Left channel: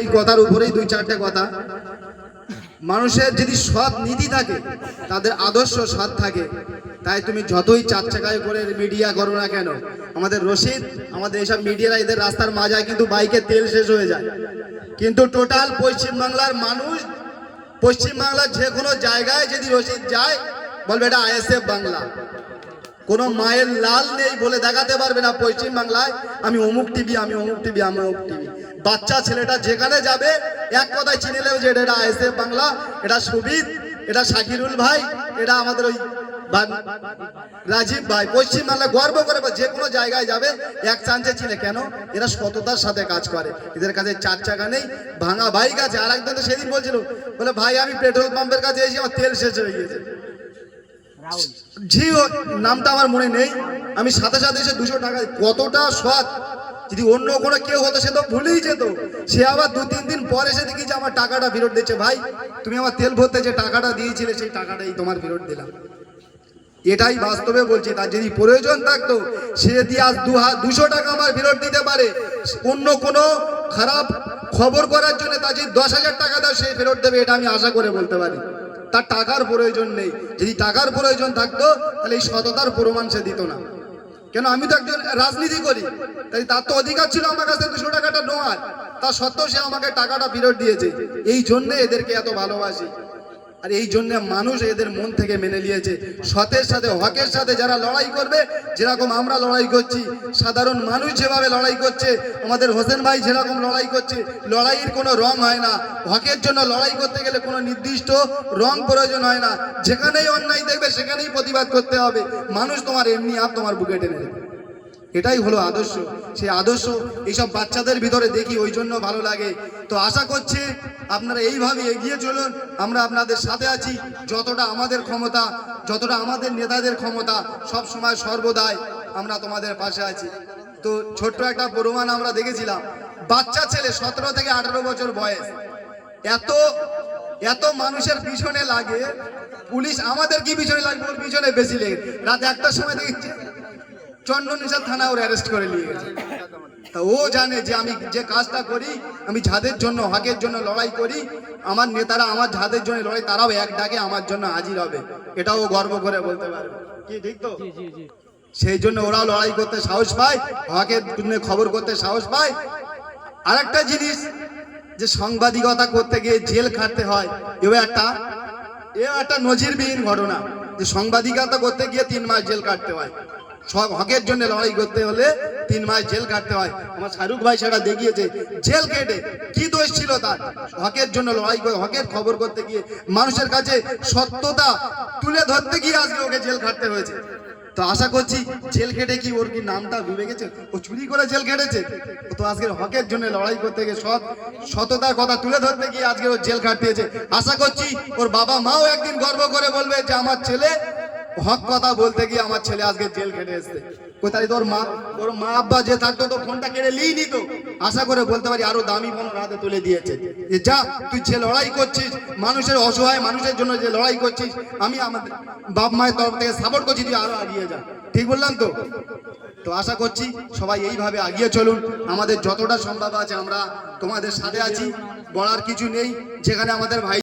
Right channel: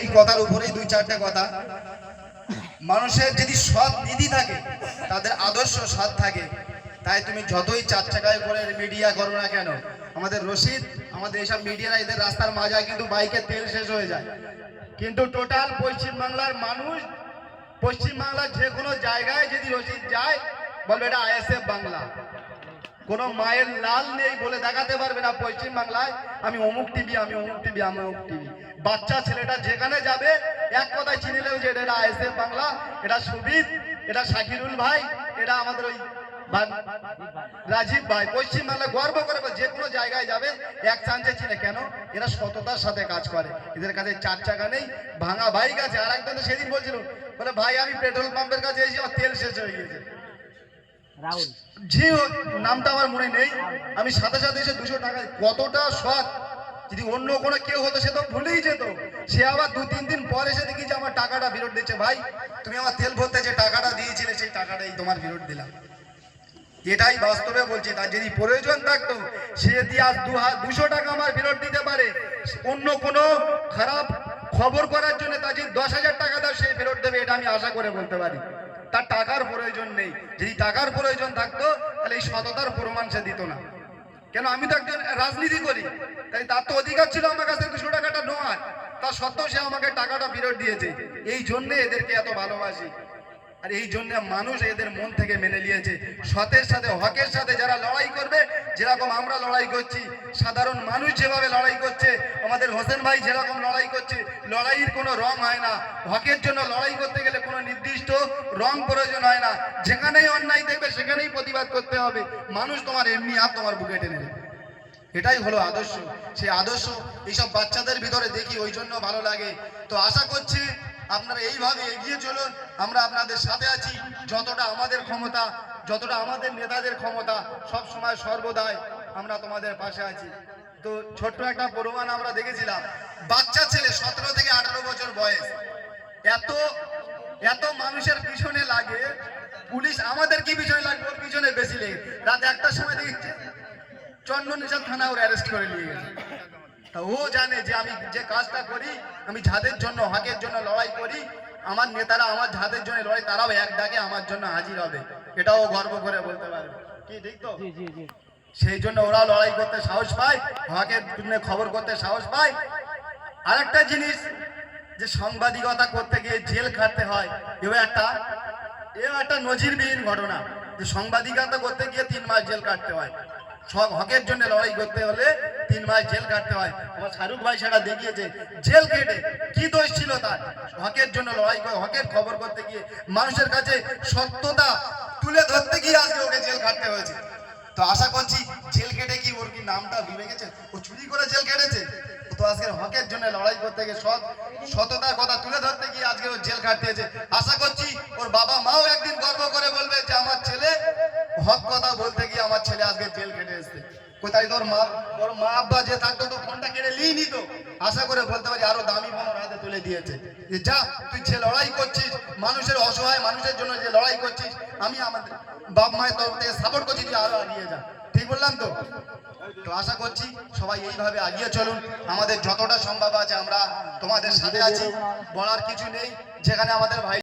এই কথার উপরেই দুই চারটে কথা। মানুষের যদি সৎ নীতি থাকে, তাদের আদর্শ সৎ থাকে, তাই তুমি যতই চার চাকায় করে মিডিয়া করো না কেন, আমাদের রশিদ, আমাদের এইসব মিডিয়ারা এদের রাস্তার মাঝায় কিন্তু বাইকে তেল শেষ হয়ে যায়, কিন্তু টোটাল পশ্চিমবাংলার মানুষ, পশ্চিমবাংলার যে কোনো জায়গায় যদি রশিদ যায় বলবে এটা আইএসএফ বাংলা। কোনো মায়ের লাল নেই বলে দেখাতে পারবে না পশ্চিম বাংলায় আমি অমুক টিভি, আমি অমুক টিভি, আমি অমুক টিভি। বাচ্চা ছেলেটা যেখানে যাবে এক কথায় চিনে নেবে যে এটা আইএসএফ বাংলা, এটা সুবিদ, এটা শাকিরুল ভাই, এটা আমাদের ওই রাজীব ভাই। পশ্চিম বাংলা গর্ব করে যে কোনো জায়গায় যাবে এক চান্সে চিনে। কেন? এরা সততার সাথে কাজ করে, এদের কাছে চার চাকা নেই, ভাঙা বাইক আছে। আর একজন তো সেদিন বলছিল, বলে ভাই আমি পেট্রোল পাম্পের কাছে এসে আমার তেল শেষ হয়ে গিয়েছে, জি নামটা আমার মনে নেই। আমি সাথে সাথে এসে 200 টাকা, কতটা সৎ। যদি অন্য কোনো কেউ হতো সে তো ভুলেই যেত, সে আবার 2-3 দিন পরে এসে দেখি যে আমার টাকাটা ফেরত দিচ্ছে। ভাই তুমি আমার তেল ভরতে যে টাকাটা দিয়েছিলে সেই টাকাটাই তোমার ফেরত দিলাম। এটাই বাস্তবে বলছি। তার যদি প্রয়োজন থাকতো সে যদি আজ 200 টাকা আমার ফেরত দিতে পারে, অন্য কোনো খারাপ খবর করার জন্য তার যদি 10,000 টাকা দাও সে ফেরত দেবে, এটা আমি আশা করে বলতে পারি। তার টাকার প্রয়োজন নেই। যদি টাকার প্রয়োজন থাকতো তাহলে এই সততার প্রমাণ সে দিত না। কেন? আমি তো একজন রাজনীতি করি, তাই তার তো অধিকার ছিল আমার কাছে 200 টাকাটা নেওয়ার, তা সত্ত্বেও সে আমাকে টাকাটা ফেরত দিয়েছে। এই জন্যে এদেরকে এত ভালোবাসি, আর এই জন্য মানুষ এদের মন থেকে মেনে নিয়েছে। সতের সাথে, হকের সাথে যারা লড়াই করবে, যেরকম আমরা লড়াই করছি, সাধারণ মানুষ যেভাবে লড়াই করছে, আমাদের হোসেন ভাই যেরকম লড়াই করছে, লড়াইয়ের কোনো রং হয় না। হকের জন্য লড়াই করতে গেলে কোনো নির্দিষ্ট রং প্রয়োজন হয় না। যেখানেই অন্যায় দেখবে সেখানেই প্রতিবাদ করতে হবে। মানুষ তোমার এমনি আর তোমার বুকে টেনে নেবে। এটাই হলো আদর্শ। সেই আদর্শ এইসব বাচ্চাদের ভিতরে দেখি, ওই জন্য ভালো লাগে। তো আশা করছি আপনারা এইভাবে এগিয়ে চলুন, আমরা আপনাদের সাথে আছি। যতটা আমাদের ক্ষমতা, যতটা আমাদের নেতাদের ক্ষমতা, সব সময় সর্বদাই আমরা তোমাদের পাশে আছি। তো ছোট্ট একটা প্রমাণ আমরা দেখেছিলাম, বাচ্চা ছেলে 17 থেকে 18 বছর বয়স, এত এত মানুষের পিছনে লাগে, পুলিশ আমাদের কি পিছনে লাগবে, ওর পিছনে বেশি লেগে। রাত 1টার সময় দেখেছি চন্দননিশা থানা ওর অ্যারেস্ট করে নিয়ে গেছে। তা ও জানে যে আমি যে কাজটা করি, আমি যাদের জন্য হকের জন্য লড়াই করি, আমার নেতারা আমার যাদের জন্য লড়াই, তারাও এক ডাকে আমার জন্য হাজির হবে। এটাও গর্ব করে বলতে পারবে। কি ঠিক তো? সেই জন্য ওরাও লড়াই করতে সাহস পায়, হকের জন্য খবর করতে সাহস পায়। আরেকটা জিনিস, যে সাংবাদিকতা করতে গিয়ে জেল খাটতে হয়, এও একটা নজিরবিহীন ঘটনা। যে সাংবাদিকতা করতে গিয়ে 3 মাস জেল কাটতে হয়। সব হকের জন্য লড়াই করতে হলে 3 মাস জেল কাটতে হয়। আমার শাহরুখ ভাই সেটা দেখিয়েছে, জেল কেটে কি দোষ ছিল তার। হকের জন্য লড়াই করে, হকের খবর করতে গিয়ে, মানুষের কাছে সত্যতা তুলে ধরতে গিয়ে আজকে ওকে জেল কাটতে হয়েছে। তো আশা করছি জেল কেটে কি ওর কি নামটা ডুবে গেছে, ও চুরি করে জেল কেটেছে? তো আজকে হকের জন্য লড়াই করতে গিয়ে, সততার কথা তুলে ধরতে গিয়ে আজকে ও জেল কাটিয়েছে। আশা করছি ওর বাবা মাও একদিন গর্ব করে বলবে যে আমার ছেলে হক কথা বলতে গিয়ে আমার ছেলে আজকে জেল কেটে এসছে। কোথায় তোর মা আব্বা যে থাকতো তো ফোনটা কেড়ে নিয়ে নিত। আশা করে বলতে পারি আরো দামি ফোন হাতে তুলে দিয়েছে, যে যা তুই যে লড়াই করছিস, মানুষের অসহায় মানুষের জন্য যে লড়াই করছিস, আমি আমাদের বাপ মায়ের তরফ থেকে সাপোর্ট করছি, তুই আরো এগিয়ে যা। ঠিক বললাম তো? তো আশা করছি সবাই এইভাবে এগিয়ে চলুন। আমাদের যতটা সম্ভব আছে আমরা তোমাদের সাথে আছি, বলার কিছু নেই। যেখানে আমাদের ভাই